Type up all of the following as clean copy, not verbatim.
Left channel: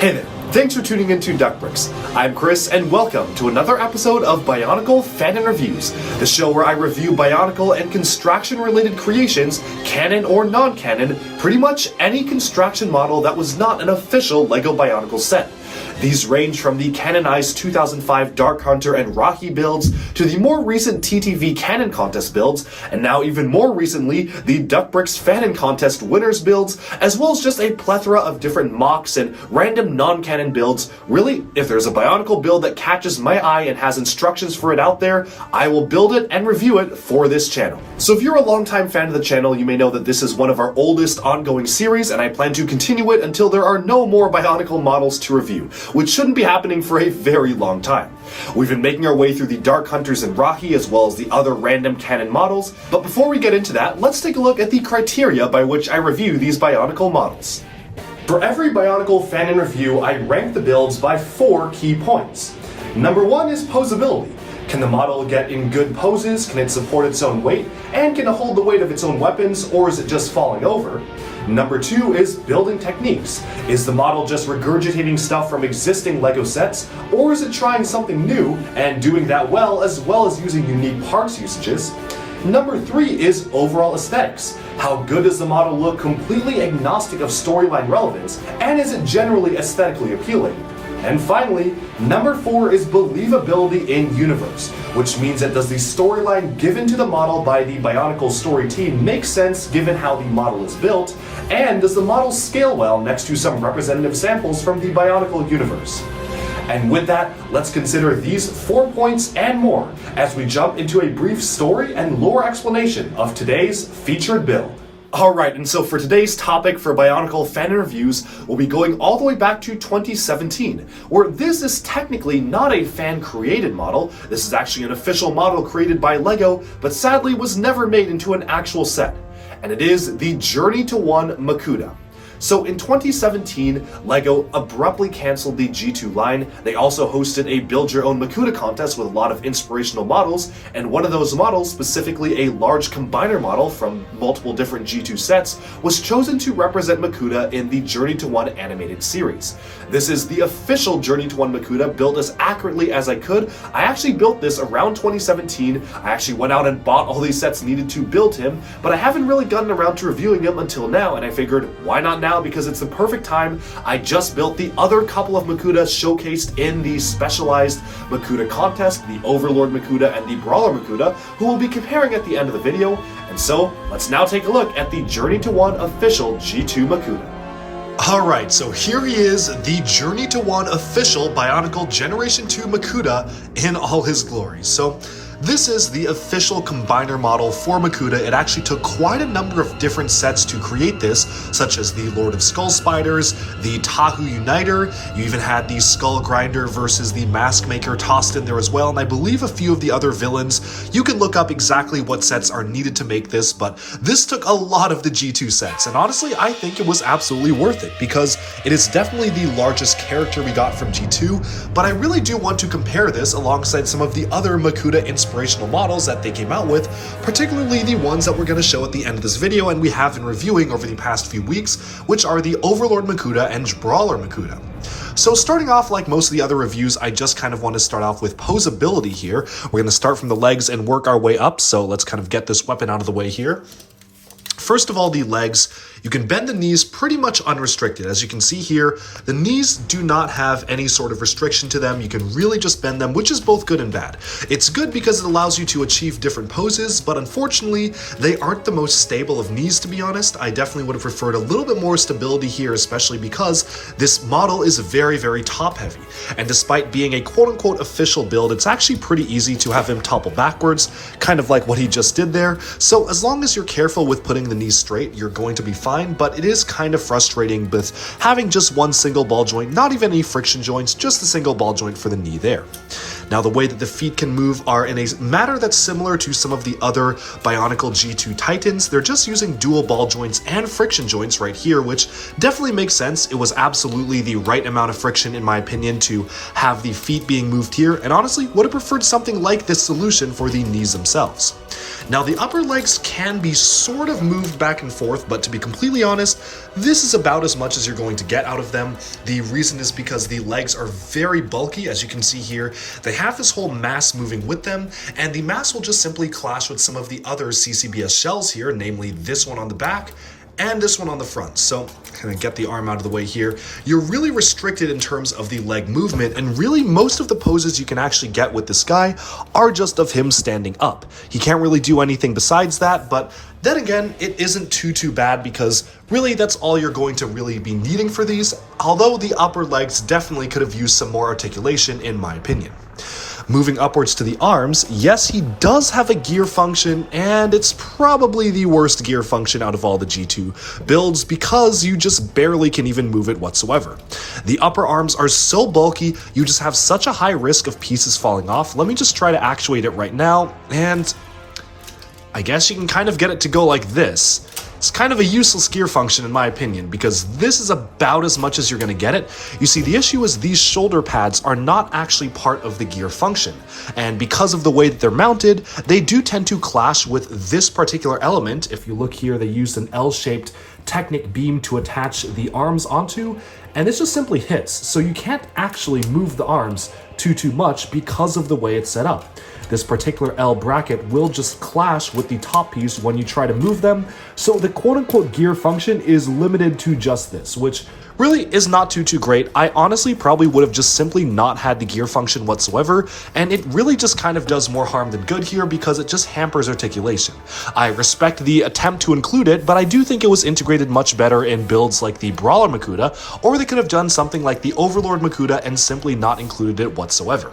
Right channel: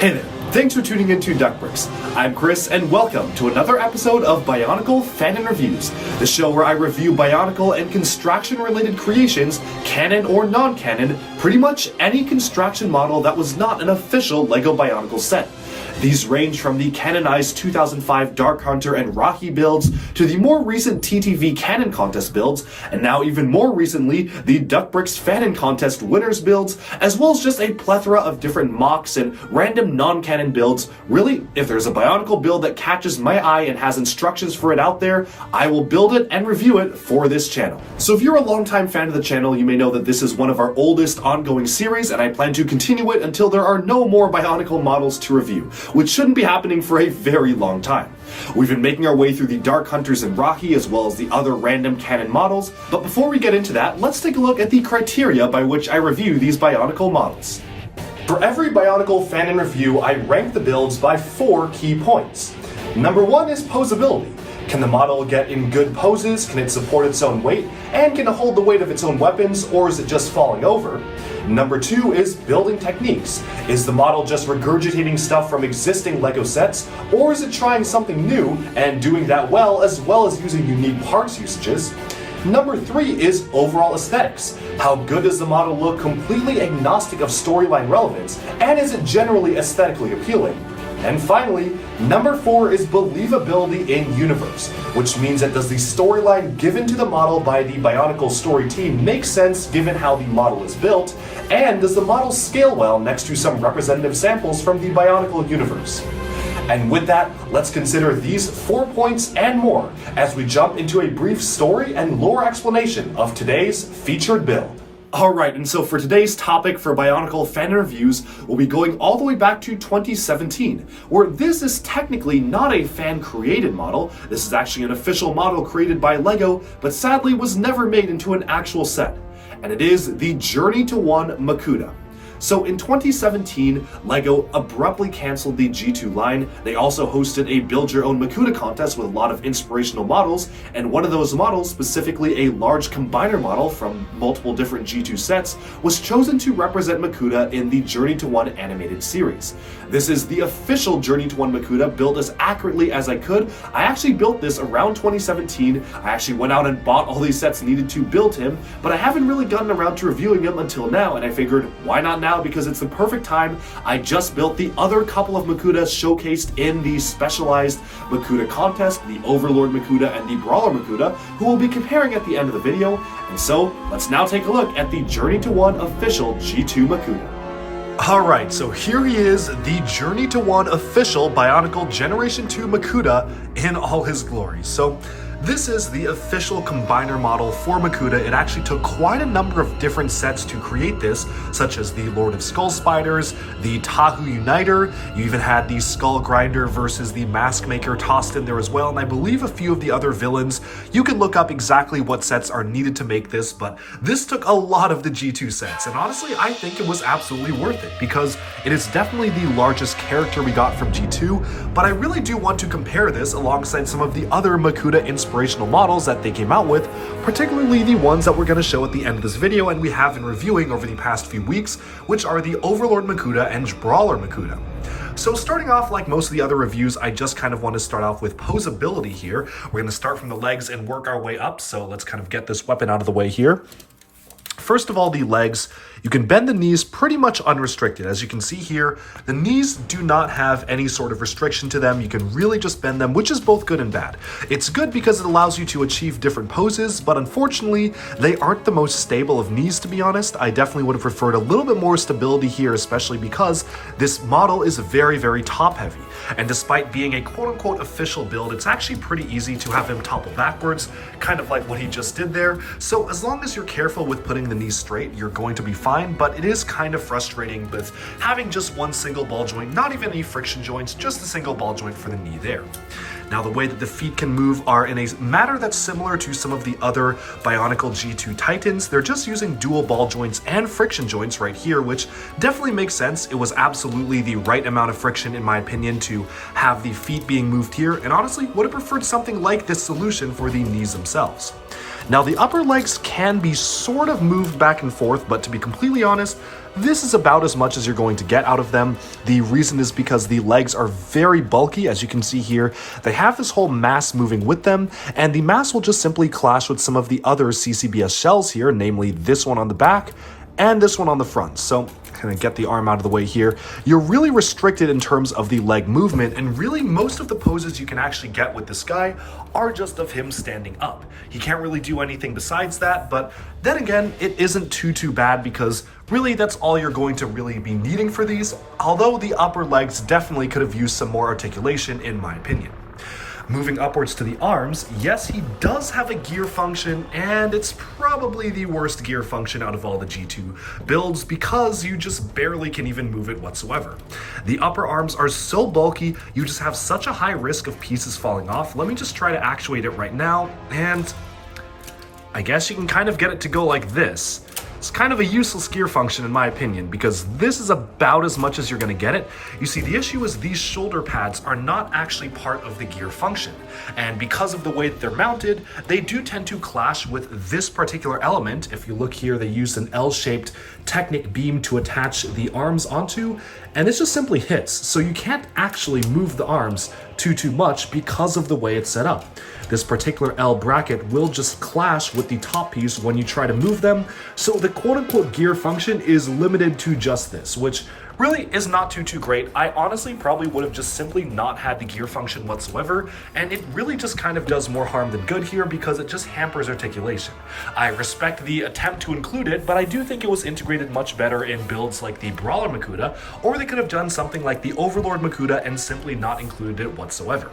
Hey there, thanks for tuning into Duckbricks. I'm Chris, and welcome to another episode of Bionicle Fan and Reviews, the show where I review Bionicle and construction-related creations, canon or non-canon, pretty much any construction model that was not an official LEGO Bionicle set. These range from the canonized 2005 Dark Hunter and Rocky builds to the more recent TTV Canon Contest builds, and now even more recently, the Duckbricks Fan and Contest winners builds, as well as just a plethora of different mocks and random non-canon builds. Really, if there's a Bionicle build that catches my eye and has instructions for it out there, I will build it and review it for this channel. So if you're a longtime fan of the channel, you may know that this is one of our oldest ongoing series, and I plan to continue it until there are no more Bionicle models to review, which shouldn't be happening for a very long time. We've been making our way through the Dark Hunters and Rocky as well as the other random canon models, but before we get into that, let's take a look at the criteria by which I review these Bionicle models. For every Bionicle fan and review, I rank the builds by 4 key points. Number 1 is posability. Can the model get in good poses? Can it support its own weight? And can it hold the weight of its own weapons, or is it just falling over? Number 2 is building techniques. Is the model just regurgitating stuff from existing LEGO sets, or is it trying something new and doing that well as using unique parts usages? Number 3 is overall aesthetics. How good does the model look completely agnostic of storyline relevance, and is it generally aesthetically appealing? And finally, number 4 is believability in universe, which means that does the storyline given to the model by the Bionicle story team make sense given how the model is built, and does the model scale well next to some representative samples from the Bionicle universe? And with that, let's consider these 4 points and more as we jump into a brief story and lore explanation of today's featured build. Alright, and so for today's topic for Bionicle fan reviews, we'll be going all the way back to 2017, where this is technically not a fan-created model. This is actually an official model created by LEGO, but sadly was never made into an actual set. And it is the Journey to One Makuta. So in 2017, LEGO abruptly canceled the G2 line. They also hosted a Build Your Own Makuta contest with a lot of inspirational models, and one of those models, specifically a large combiner model from multiple different G2 sets, was chosen to represent Makuta in the Journey to One animated series. This is the official Journey to One Makuta, built as accurately as I could. I actually built this around 2017. I actually went out and bought all these sets needed to build him, but I haven't really gotten around to reviewing him until now, and I figured, why not now? Because it's the perfect time. I just built the other couple of Makutas showcased in the specialized Makuta contest, the Overlord Makuta and the Brawler Makuta, who we'll be comparing at the end of the video. And so, let's now take a look at the Journey to One official G2 Makuta. Alright, so here he is, the Journey to One official Bionicle Generation 2 Makuta in all his glory. So, this is the official combiner model for Makuta. It actually took quite a number of different sets to create this, such as the Lord of Skull Spiders, the Tahu Uniter, you even had the Skull Grinder versus the Mask Maker tossed in there as well, and I believe a few of the other villains. You can look up exactly what sets are needed to make this, but this took a lot of the G2 sets, and honestly, I think it was absolutely worth it, because it is definitely the largest character we got from G2, but I really do want to compare this alongside some of the other Makuta inspirational models that they came out with, particularly the ones that we're going to show at the end of this video and we have been reviewing over the past few weeks, which are the Overlord Makuta and Brawler Makuta. So starting off like most of the other reviews, I just kind of want to start off with posability here. We're going to start from the legs and work our way up, so let's kind of get this weapon out of the way here. First of all, the legs, you can bend the knees pretty much unrestricted. As you can see here, the knees do not have any sort of restriction to them. You can really just bend them, which is both good and bad. It's good because it allows you to achieve different poses, but unfortunately, they aren't the most stable of knees, to be honest. I definitely would have preferred a little bit more stability here, especially because this model is very, very top heavy. And despite being a quote-unquote official build, it's actually pretty easy to have him topple backwards, kind of like what he just did there. So as long as you're careful with putting the knees straight, you're going to be fine, but it is kind of frustrating with having just one single ball joint, not even any friction joints, just a single ball joint for the knee there. Now, the way that the feet can move are in a manner that's similar to some of the other Bionicle G2 Titans. They're just using dual ball joints and friction joints right here, which definitely makes sense. It was absolutely the right amount of friction, in my opinion, to have the feet being moved here, and honestly would have preferred something like this solution for the knees themselves. Now, the upper legs can be sort of moved back and forth, but to be completely honest, this is about as much as you're going to get out of them. The reason is because the legs are very bulky, as you can see here. They have this whole mass moving with them, and the mass will just simply clash with some of the other CCBS shells here, namely this one on the back and this one on the front. So kind of get the arm out of the way here. You're really restricted in terms of the leg movement, and really most of the poses you can actually get with this guy are just of him standing up. He can't really do anything besides that, but then again, it isn't too bad because really that's all you're going to really be needing for these, although the upper legs definitely could have used some more articulation in my opinion. Moving upwards to the arms, yes, he does have a gear function, and it's probably the worst gear function out of all the G2 builds because you just barely can even move it whatsoever. The upper arms are so bulky, you just have such a high risk of pieces falling off. Let me just try to actuate it right now, and I guess you can kind of get it to go like this. It's kind of a useless gear function in my opinion, because this is about as much as you're going to get it. You see, the issue is these shoulder pads are not actually part of the gear function, and because of the way that they're mounted, they do tend to clash with this particular element. If you look here, they used an L-shaped Technic beam to attach the arms onto, and this just simply hits, so you can't actually move the arms too much because of the way it's set up. This particular L bracket will just clash with the top piece when you try to move them, so the quote-unquote gear function is limited to just this, which really is not too great. I honestly probably would have just simply not had the gear function whatsoever, and it really just kind of does more harm than good here because it just hampers articulation. I respect the attempt to include it, but I do think it was integrated much better in builds like the Brawler Makuta, or they could have done something like the Overlord Makuta and simply not included it whatsoever.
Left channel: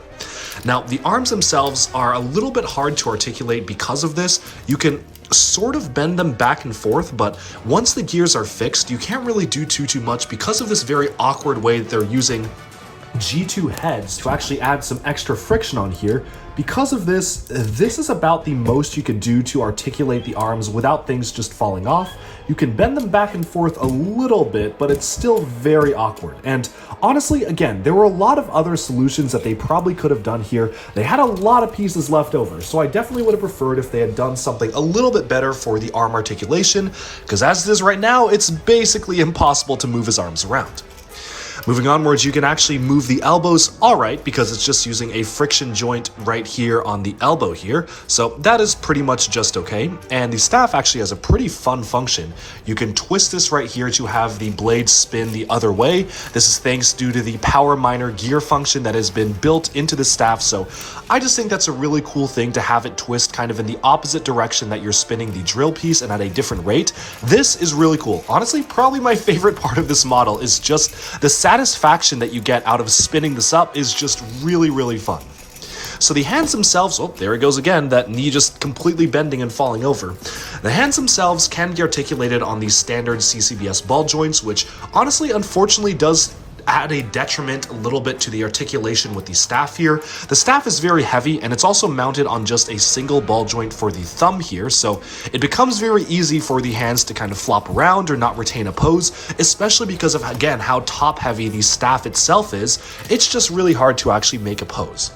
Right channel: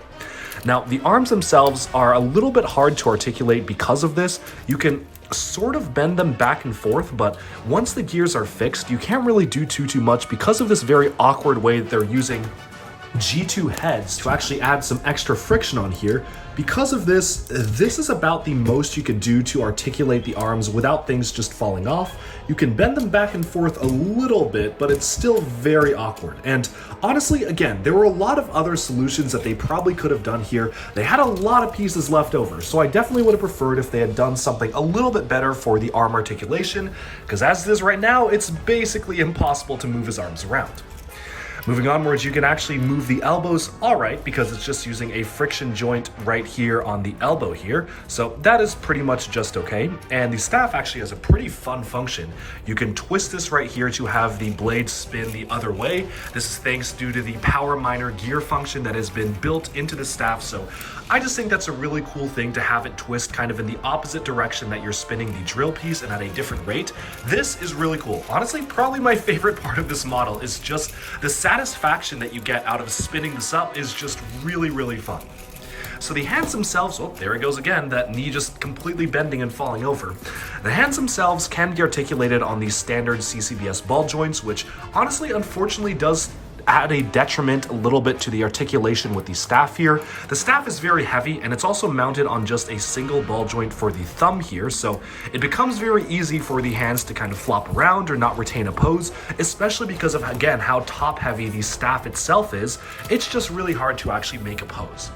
Now, the arms themselves are a little bit hard to articulate because of this. You can sort of bend them back and forth, but once the gears are fixed, you can't really do too much because of this very awkward way that they're using G2 heads to actually add some extra friction on here. Because of this, this is about the most you could do to articulate the arms without things just falling off. You can bend them back and forth a little bit, but it's still very awkward. And honestly, again, there were a lot of other solutions that they probably could have done here. They had a lot of pieces left over, so I definitely would have preferred if they had done something a little bit better for the arm articulation, because as it is right now, it's basically impossible to move his arms around. Moving onwards, you can actually move the elbows alright because it's just using a friction joint right here on the elbow here. So that is pretty much just okay. And the staff actually has a pretty fun function. You can twist this right here to have the blade spin the other way. This is thanks due to the Power Miner gear function that has been built into the staff. So I just think that's a really cool thing to have it twist kind of in the opposite direction that you're spinning the drill piece and at a different rate. This is really cool. Honestly, probably my favorite part of this model is just the satisfaction that you get out of spinning this up is just really fun. So the hands themselves, oh, there it goes again, that knee just completely bending and falling over. The hands themselves can be articulated on these standard CCBS ball joints, which honestly, unfortunately, does add a detriment a little bit to the articulation with the staff here. The staff is very heavy, and it's also mounted on just a single ball joint for the thumb here, so it becomes very easy for the hands to kind of flop around or not retain a pose, especially because of, again, how top heavy the staff itself is. It's just really hard to actually make a pose.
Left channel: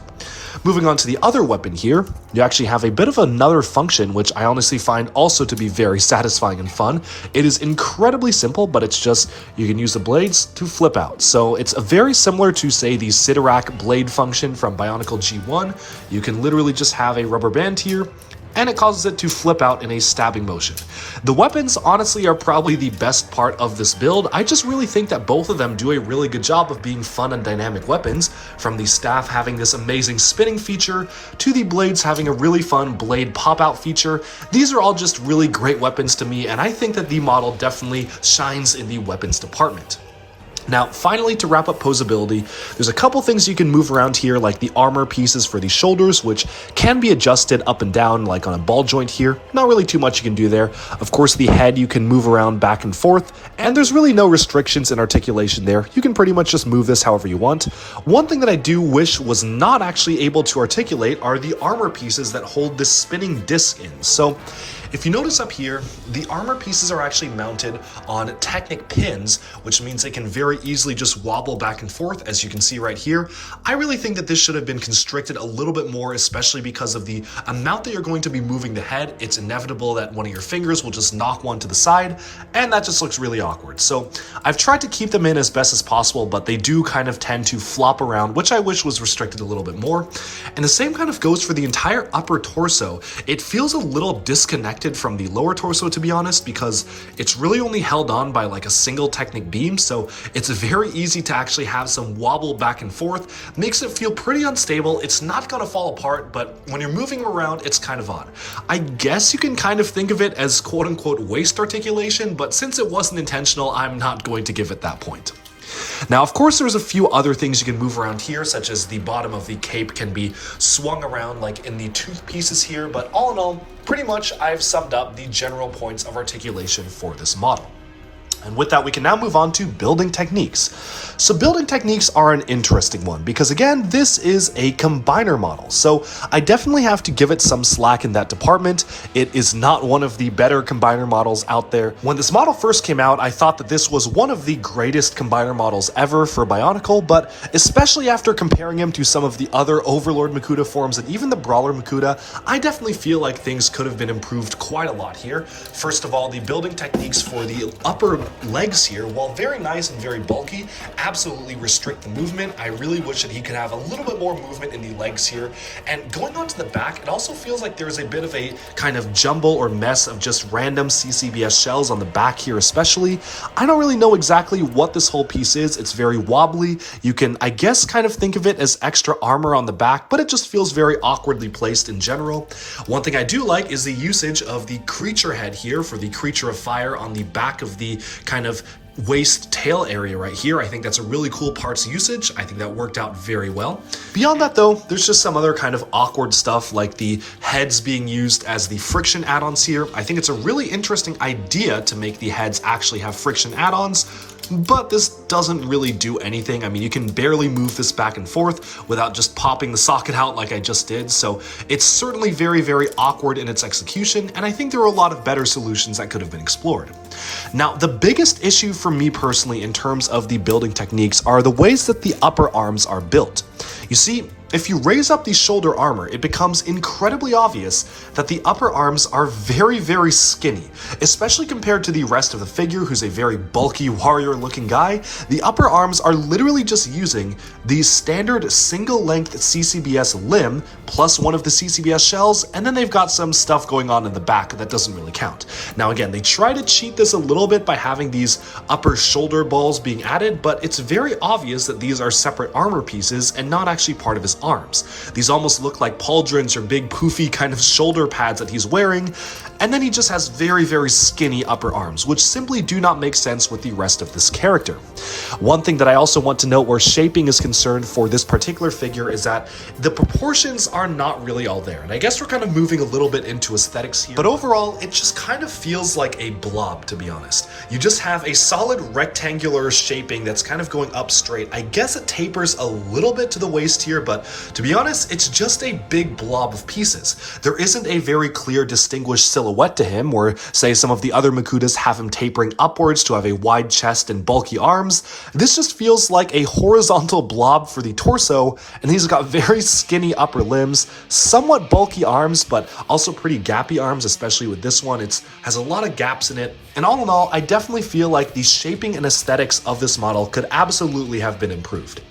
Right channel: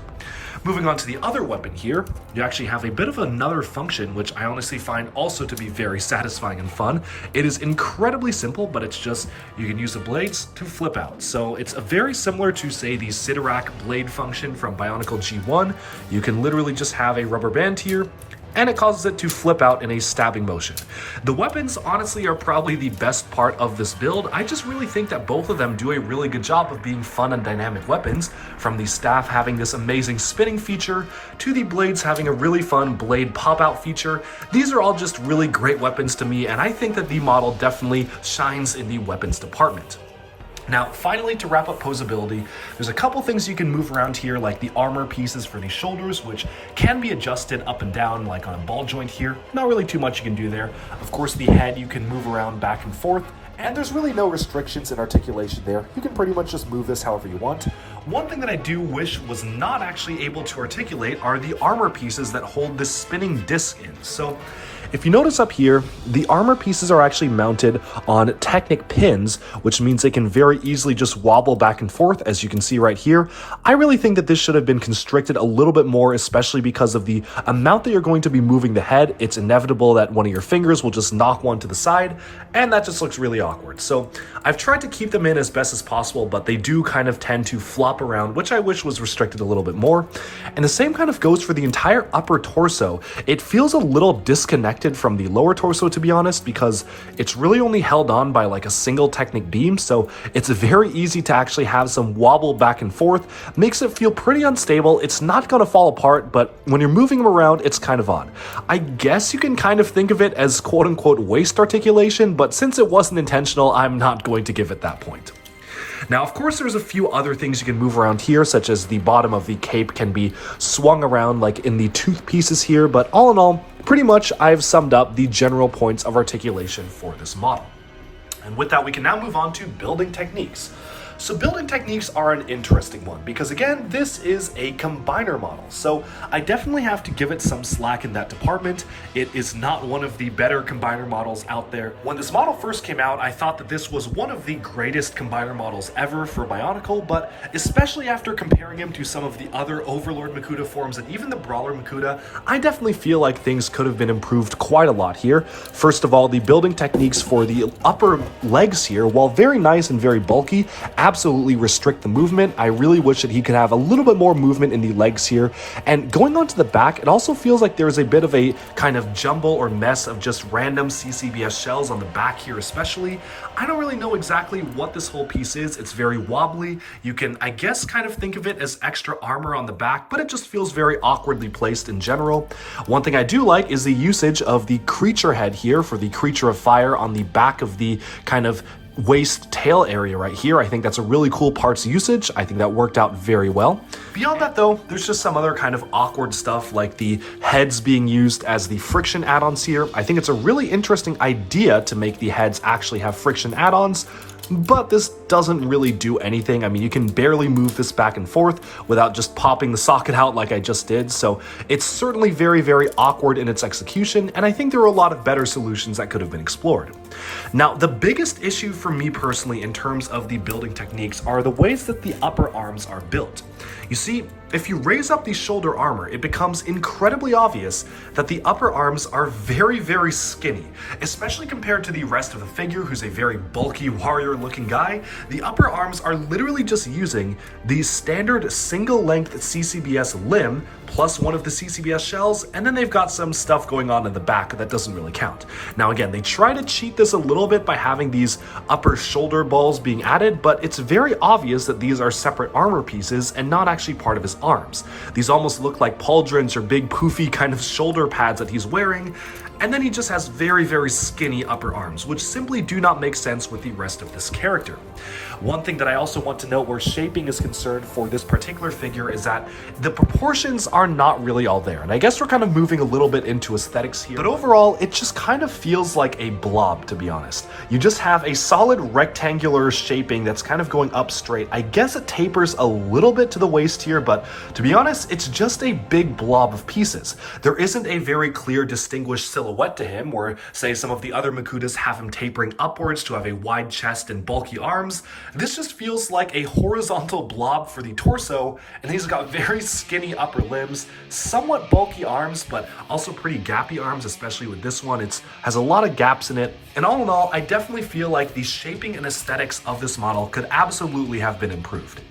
Moving on to the other weapon here, you actually have a bit of another function, which I honestly find also to be very satisfying and fun. It is incredibly simple, but it's just, you can use the blades to flip out. So it's very similar to, say, the Sidorak blade function from Bionicle G1. You can literally just have a rubber band here, and it causes it to flip out in a stabbing motion. The weapons honestly are probably the best part of this build. I just really think that both of them do a really good job of being fun and dynamic weapons, from the staff having this amazing spinning feature to the blades having a really fun blade pop-out feature. These are all just really great weapons to me, and I think that the model definitely shines in the weapons department. Now, finally, to wrap up posability, there's a couple things you can move around here, like the armor pieces for the shoulders, which can be adjusted up and down, like on a ball joint here. Not really too much you can do there. Of course, the head you can move around back and forth, and there's really no restrictions in articulation there. You can pretty much just move this however you want. One thing that I do wish was not actually able to articulate are the armor pieces that hold this spinning disc in. So, if you notice up here, the armor pieces are actually mounted on Technic pins, which means they can very easily just wobble back and forth, as you can see right here. I really think that this should have been constricted a little bit more, especially because of the amount that you're going to be moving the head. It's inevitable that one of your fingers will just knock one to the side, and that just looks really awkward. So I've tried to keep them in as best as possible, but they do kind of tend to flop around, which I wish was restricted a little bit more. And the same kind of goes for the entire upper torso. It feels a little disconnected from the lower torso, to be honest, because it's really only held on by like a single Technic beam, so it's very easy to actually have some wobble back and forth. Makes it feel pretty unstable. It's not going to fall apart, but when you're moving them around, it's kind of odd. I guess you can kind of think of it as quote-unquote waist articulation, but since it wasn't intentional, I'm not going to give it that point. Now, of course, there's a few other things you can move around here, such as the bottom of the cape can be swung around like in the tooth pieces here, but all in all, pretty much I've summed up the general points of articulation for this model. And with that, we can now move on to building techniques. So building techniques are an interesting one because, again, this is a combiner model. So I definitely have to give it some slack in that department. It is not one of the better combiner models out there. When this model first came out, I thought that this was one of the greatest combiner models ever for Bionicle, but especially after comparing him to some of the other Overlord Makuta forms and even the Brawler Makuta, I definitely feel like things could have been improved quite a lot here. First of all, the building techniques for the upper legs here, while very nice and very bulky, absolutely restrict the movement. I really wish that he could have a little bit more movement in the legs here. And going on to the back, it also feels like there's a bit of a kind of jumble or mess of just random CCBS shells on the back here especially. I don't really know exactly what this whole piece is. It's very wobbly. You can, I guess, kind of think of it as extra armor on the back, but it just feels very awkwardly placed in general. One thing I do like is the usage of the creature head here for the Creature of Fire on the back of the kind of waist tail area right here. I think that's a really cool parts usage. I think that worked out very well. Beyond that though, there's just some other kind of awkward stuff like the heads being used as the friction add-ons here. I think it's a really interesting idea to make the heads actually have friction add-ons, but this doesn't really do anything. I mean, you can barely move this back and forth without just popping the socket out like I just did. So it's certainly very, very awkward in its execution. And I think there are a lot of better solutions that could have been explored. Now, the biggest issue for me personally in terms of the building techniques are the ways that the upper arms are built. You see, if you raise up the shoulder armor, it becomes incredibly obvious that the upper arms are very, very skinny, especially compared to the rest of the figure, who's a very bulky warrior-looking guy. The upper arms are literally just using the standard single-length CCBS limb plus one of the CCBS shells, and then they've got some stuff going on in the back that doesn't really count. Now again, they try to cheat this a little bit by having these upper shoulder balls being added, but it's very obvious that these are separate armor pieces and not actually part of his arms. These almost look like pauldrons or big poofy kind of shoulder pads that he's wearing, and then he just has very, very skinny upper arms, which simply do not make sense with the rest of this character. One thing that I also want to note where shaping is concerned for this particular figure is that the proportions are not really all there, and I guess we're kind of moving a little bit into aesthetics here, but overall it just kind of feels like a blob, to be honest. You just have a solid rectangular shaping that's kind of going up straight. I guess it tapers a little bit to the waist here, but to be honest, it's just a big blob of pieces. There isn't a very clear distinguished silhouette to him, where say some of the other Makutas have him tapering upwards to have a wide chest and bulky arms. This just feels like a horizontal blob for the torso, and he's got very skinny upper limbs, somewhat bulky arms, but also pretty gappy arms, especially with this one. It has a lot of gaps in it, and all in all, I definitely feel like the shaping and aesthetics of this model could absolutely have been improved.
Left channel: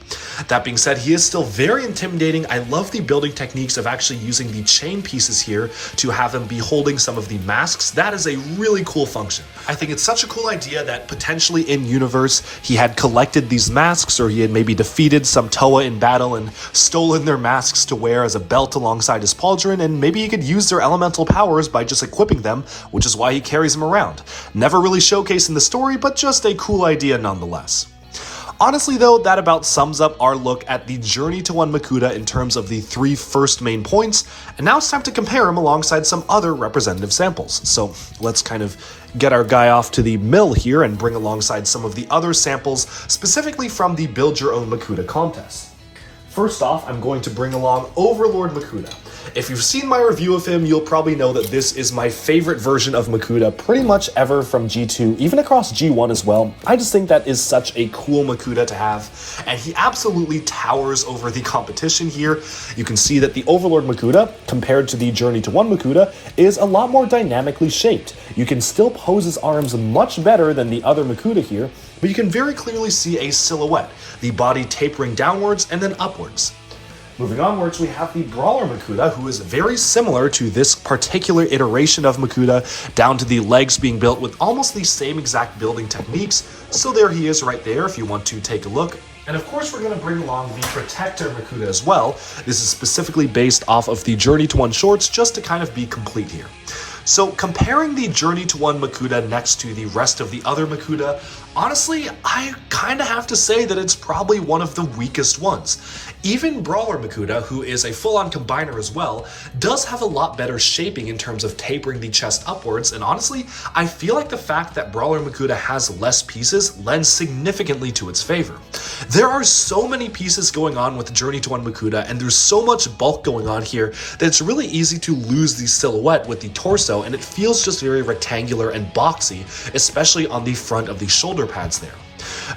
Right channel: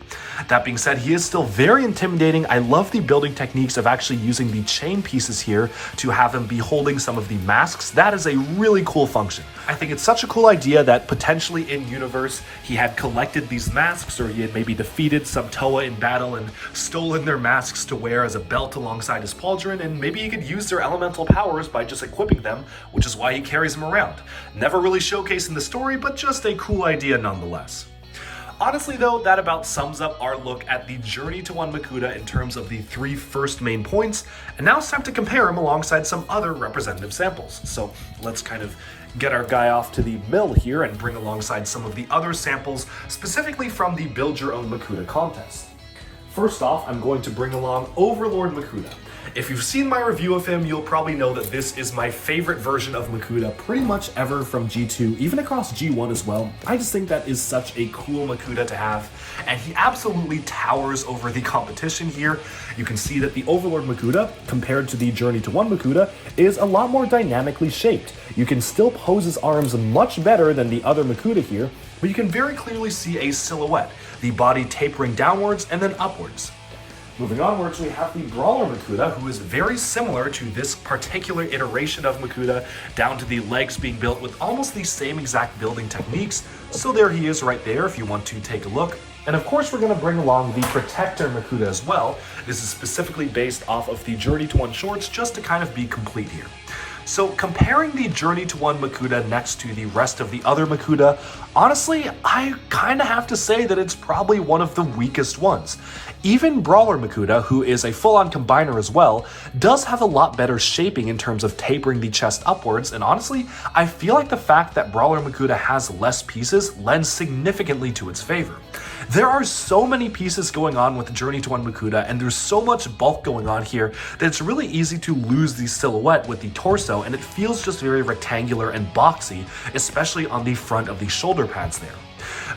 That being said, he is still very intimidating. I love the building techniques of actually using the chain pieces here to have him be holding some of the masks. That is a really cool function. I think it's such a cool idea that potentially in universe he had collected these masks, or he had maybe defeated some Toa in battle and stolen their masks to wear as a belt alongside his pauldron, and maybe he could use their elemental powers by just equipping them, which is why he carries them around. Never really showcased in the story, but just a cool idea nonetheless. Honestly though, that about sums up our look at the Journey to One Makuta in terms of the 3 first main points, and now it's time to compare them alongside some other representative samples. So let's kind of get our guy off to the mill here and bring alongside some of the other samples, specifically from the Build Your Own Makuta contest. First off, I'm going to bring along Overlord Makuta. If you've seen my review of him, you'll probably know that this is my favorite version of Makuta pretty much ever from G2, even across G1 as well. I just think that is such a cool Makuta to have, and he absolutely towers over the competition here. You can see that the Overlord Makuta, compared to the Journey to One Makuta, is a lot more dynamically shaped. You can still pose his arms much better than the other Makuta here, but you can very clearly see a silhouette, the body tapering downwards and then upwards. Moving onwards, we have the Brawler Makuta, who is very similar to this particular iteration of Makuta, down to the legs being built with almost the same exact building techniques. So there he is right there if you want to take a look. And of course, we're going to bring along the Protector Makuta as well. This is specifically based off of the Journey to One shorts, just to kind of be complete here. So comparing the Journey to One Makuta next to the rest of the other Makuta, honestly, I kind of have to say that it's probably one of the weakest ones. Even Brawler Makuta, who is a full-on combiner as well, does have a lot better shaping in terms of tapering the chest upwards, and honestly, I feel like the fact that Brawler Makuta has less pieces lends significantly to its favor. There are so many pieces going on with Journey to One Makuta, and there's so much bulk going on here that it's really easy to lose the silhouette with the torso, and it feels just very rectangular and boxy, especially on the front of the shoulder pads there.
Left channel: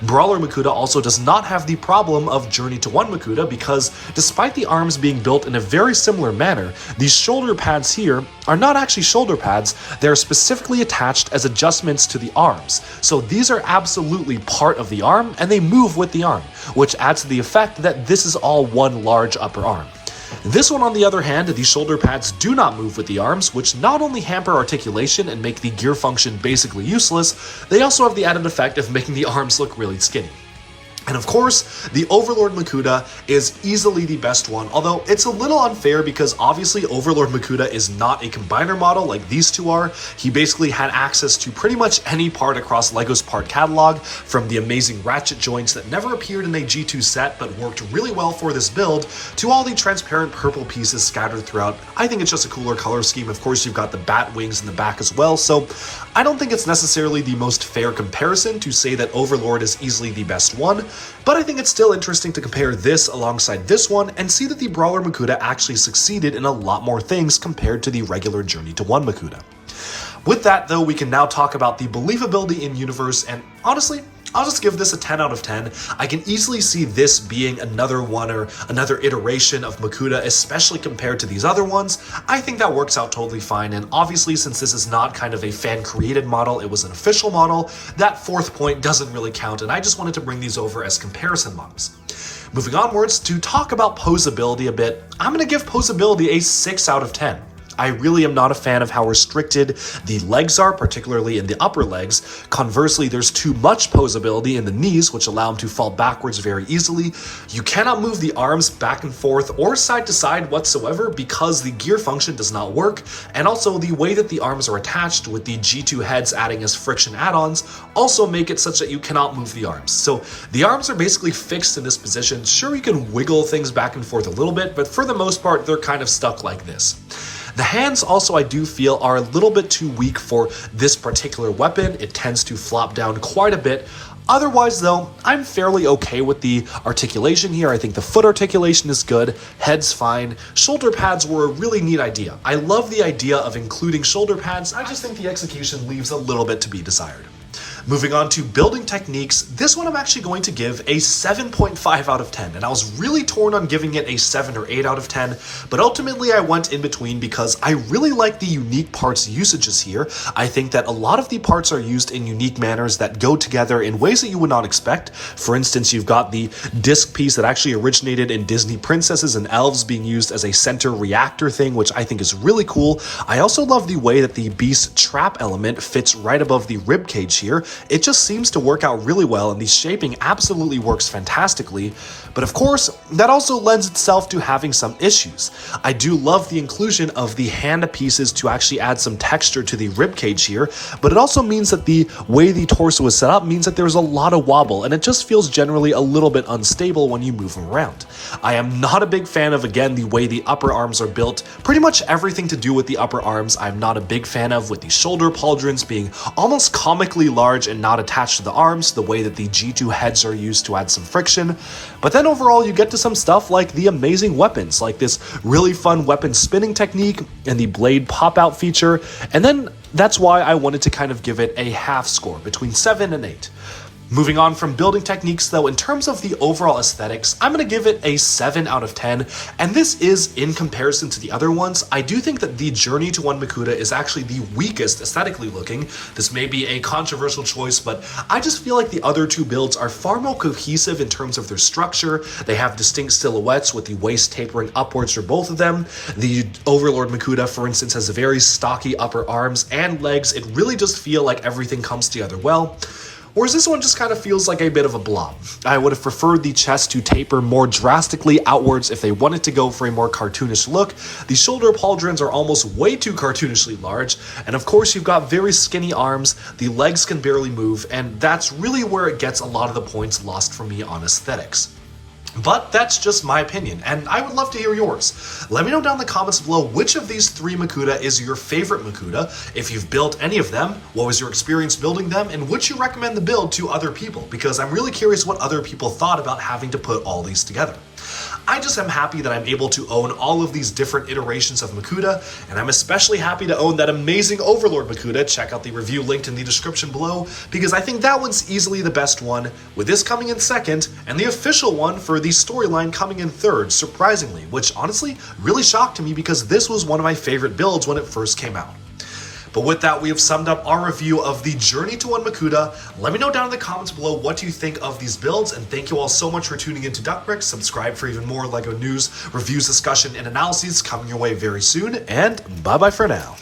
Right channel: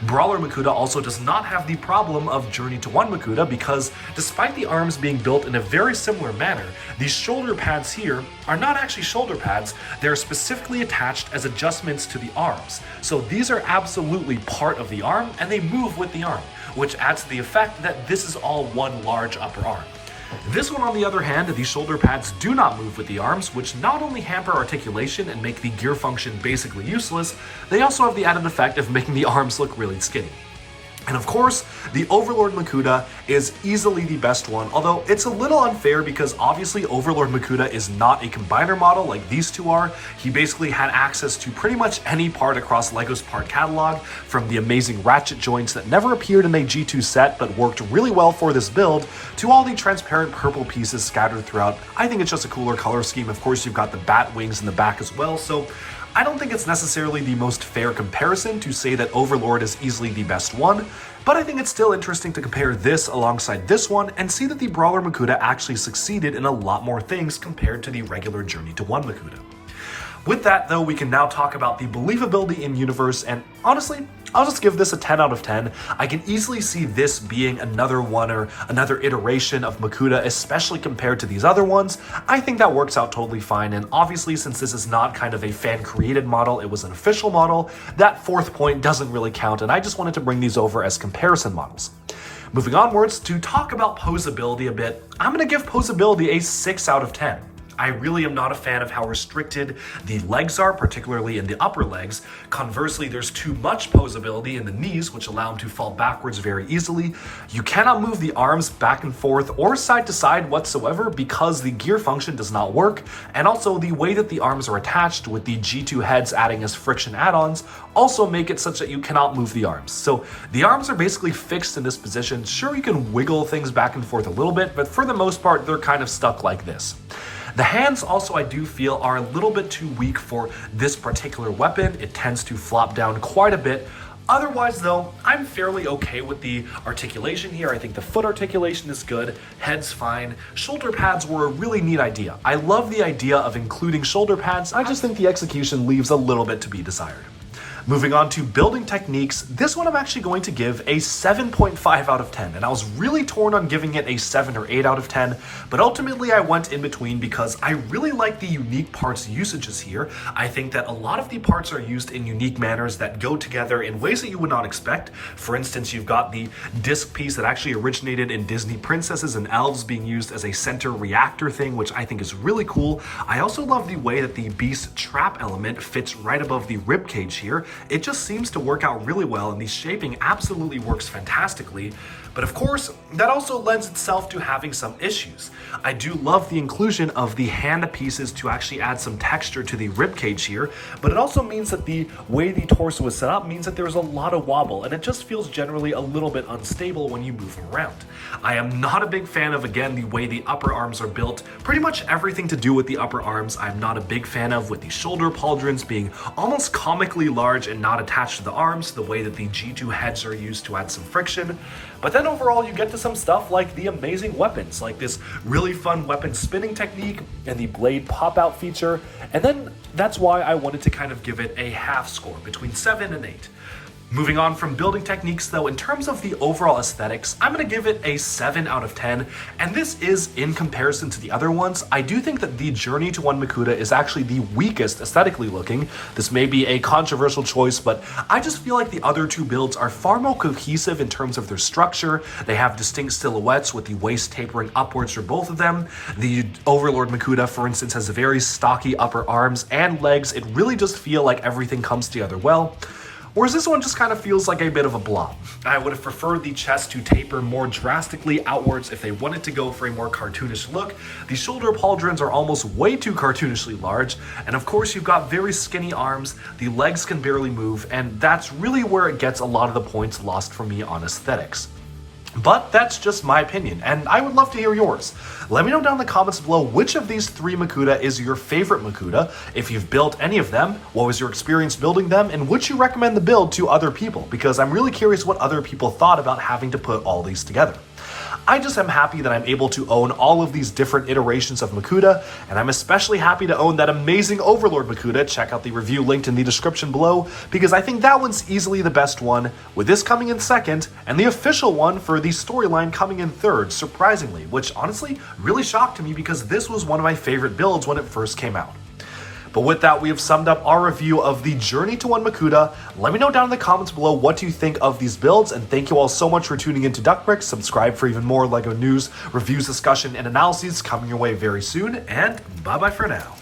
Brawler Makuta also does not have the problem of Journey to One Makuta because despite the arms being built in a very similar manner, these shoulder pads here are not actually shoulder pads, they're specifically attached as adjustments to the arms. So these are absolutely part of the arm and they move with the arm, which adds to the effect that this is all one large upper arm. This one, on the other hand, the shoulder pads do not move with the arms, which not only hamper articulation and make the gear function basically useless, they also have the added effect of making the arms look really skinny. And of course, the Overlord Makuta is easily the best one, although it's a little unfair because obviously Overlord Makuta is not a combiner model like these two are. He basically had access to pretty much any part across LEGO's part catalog, from the amazing ratchet joints that never appeared in a G2 set but worked really well for this build, to all the transparent purple pieces scattered throughout. I think it's just a cooler color scheme. Of course, you've got the bat wings in the back as well, so I don't think it's necessarily the most fair comparison to say that Overlord is easily the best one, but I think it's still interesting to compare this alongside this one and see that the Brawler Makuta actually succeeded in a lot more things compared to the regular Journey to One Makuta. With that though, we can now talk about the believability in universe, and honestly, I'll just give this a 10 out of 10. I can easily see this being another one or another iteration of Makuta, especially compared to these other ones. I think that works out totally fine, and obviously since this is not kind of a fan-created model, it was an official model, that fourth point doesn't really count, and I just wanted to bring these over as comparison models. Moving onwards, to talk about posability a bit, I'm going to give posability a 6 out of 10. I really am not a fan of how restricted the legs are, particularly in the upper legs. Conversely, there's too much posability in the knees, which allow them to fall backwards very easily. You cannot move the arms back and forth or side to side whatsoever because the gear function does not work, and also the way that the arms are attached with the G2 heads adding as friction add-ons also make it such that you cannot move the arms. So the arms are basically fixed in this position. Sure, you can wiggle things back and forth a little bit, but for the most part, they're kind of stuck like this. The hands also I do feel are a little bit too weak for this particular weapon. It tends to flop down quite a bit. Otherwise though, I'm fairly okay with the articulation here. I think the foot articulation is good, head's fine. Shoulder pads were a really neat idea. I love the idea of including shoulder pads. I just think the execution leaves a little bit to be desired. Moving on to building techniques, this one I'm actually going to give a 7.5 out of 10, and I was really torn on giving it a 7 or 8 out of 10, but ultimately I went in between because I really like the unique parts usages here. I think that a lot of the parts are used in unique manners that go together in ways that you would not expect. For instance, you've got the disc piece that actually originated in Disney princesses and elves being used as a center reactor thing, which I think is really cool. I also love the way that the beast trap element fits right above the rib cage here. It just seems to work out really well, and the shaping absolutely works fantastically. But of course, that also lends itself to having some issues. I do love the inclusion of the hand pieces to actually add some texture to the ribcage here, but it also means that the way the torso is set up means that there's a lot of wobble, and it just feels generally a little bit unstable when you move them around. I am not a big fan of, again, the way the upper arms are built. Pretty much everything to do with the upper arms I'm not a big fan of, with the shoulder pauldrons being almost comically large and not attached to the arms, the way that the G2 heads are used to add some friction. But then overall you get to some stuff like the amazing weapons, like this really fun weapon spinning technique and the blade pop-out feature, and then that's why I wanted to kind of give it a half score, between 7 and 8. Moving on from building techniques though, in terms of the overall aesthetics, I'm going to give it a 7 out of 10, and this is in comparison to the other ones. I do think that the Journey to One Makuta is actually the weakest aesthetically looking. This may be a controversial choice, but I just feel like the other two builds are far more cohesive in terms of their structure. They have distinct silhouettes with the waist tapering upwards for both of them. The Overlord Makuta, for instance, has very stocky upper arms and legs. It really just feels like everything comes together well. Whereas this one just kind of feels like a bit of a blob. I would have preferred the chest to taper more drastically outwards if they wanted to go for a more cartoonish look. The shoulder pauldrons are almost way too cartoonishly large, and of course you've got very skinny arms, the legs can barely move, and that's really where it gets a lot of the points lost for me on aesthetics. But that's just my opinion, and I would love to hear yours. Let me know down in the comments below which of these 3 Makuta is your favorite Makuta, if you've built any of them, what was your experience building them, and would you recommend the build to other people, because I'm really curious what other people thought about having to put all these together. I just am happy that I'm able to own all of these different iterations of Makuta, and I'm especially happy to own that amazing Overlord Makuta. Check out the review linked in the description below, because I think that one's easily the best one, with this coming in second, and the official one for the storyline coming in third, surprisingly, which honestly really shocked me because this was one of my favorite builds when it first came out. But with that, we have summed up our review of the Journey to One Makuta. Let me know down in the comments below what you think of these builds, and thank you all so much for tuning into Duckbricks. Subscribe for even more LEGO news, reviews, discussion, and analyses coming your way very soon, and bye-bye for now.